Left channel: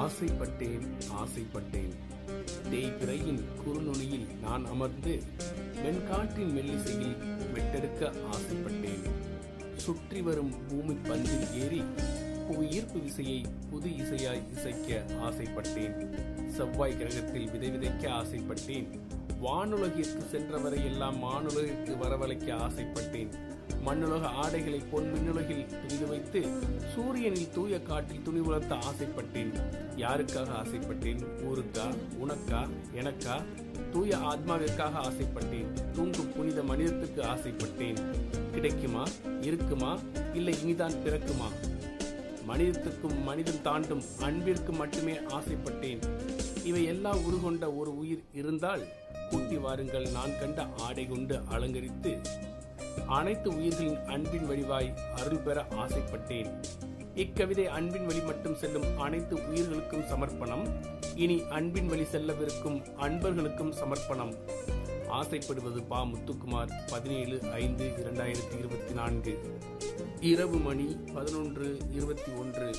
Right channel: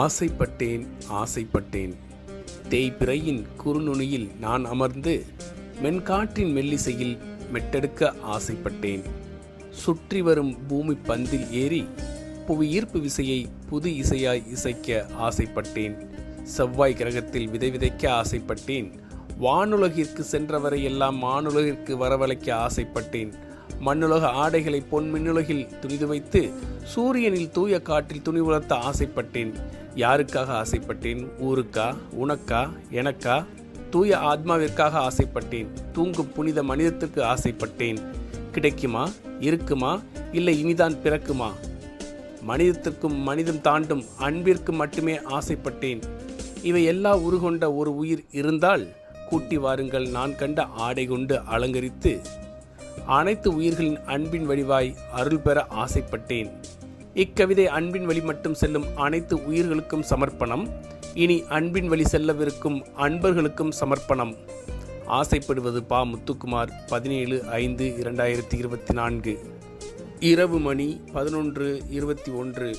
ஆசைப்பட்டேன் ஆசைப்பட்டேன். தேய்பிறையின் குறுநுனியில் நான் அமர்ந்து மென்காற்றின் மெல்லிசையில் மெட்டெடுக்க ஆசைப்பட்டேன். சுற்றி வரும் பூமி பந்தில் ஏறி புவி ஈர்ப்பு விசையை புது இசையாய் இசைக்க ஆசைப்பட்டேன். செவ்வாய் கிரகத்தில் விதை விதைக்க ஆசைப்பட்டேன். வானுலகிற்கு சென்றவரை எல்லாம் மானுலகிற்கு வரவழைக்க ஆசைப்பட்டேன். மண்ணுலக ஆடைகளை பொன் மின்னுலகில் துணிது வைத்து சூரியனில் தூய காற்றில் துணி உலர்த்த ஆசைப்பட்டேன். யாருக்காக ஆசைப்பட்டேன்? ஊருக்கா? உனக்கா? எனக்கா? தூய ஆத்மாவிற்காக ஆசைப்பட்டேன். தூங்கும் புனித மனிதத்துக்கு ஆசைப்பட்டேன். கிடைக்குமா? இருக்குமா? இல்லை இனிதான் பிறக்குமா? மனிதத்துக்கும் மனிதம் தாண்டும் அன்பிற்கு மட்டுமே ஆசைப்பட்டேன். இவை எல்லா உருகொண்ட ஒரு உயிர் இருந்தால் கூட்டி வாருங்கள். நான் கண்ட ஆடை கொண்டு அலங்கரித்து அனைத்து உயிர்களின் அன்பின் வடிவாய் அருள் பெற ஆசைப்பட்டேன். இக்கவிதை அன்பின் வழி மட்டும் செல்லும் அனைத்து உயிர்களுக்கும் சமர்ப்பணம். இனி அன்பின் வழி செல்லவிருக்கும் அன்பர்களுக்கும் சமர்ப்பணம். ஆசைப்படுவது பா. முத்துக்குமார் பதினேழு ஐந்து இரண்டாயிரத்தி இருபத்தி நான்கு. இரவு மணி பதினொன்று இருபத்தி ஒன்று.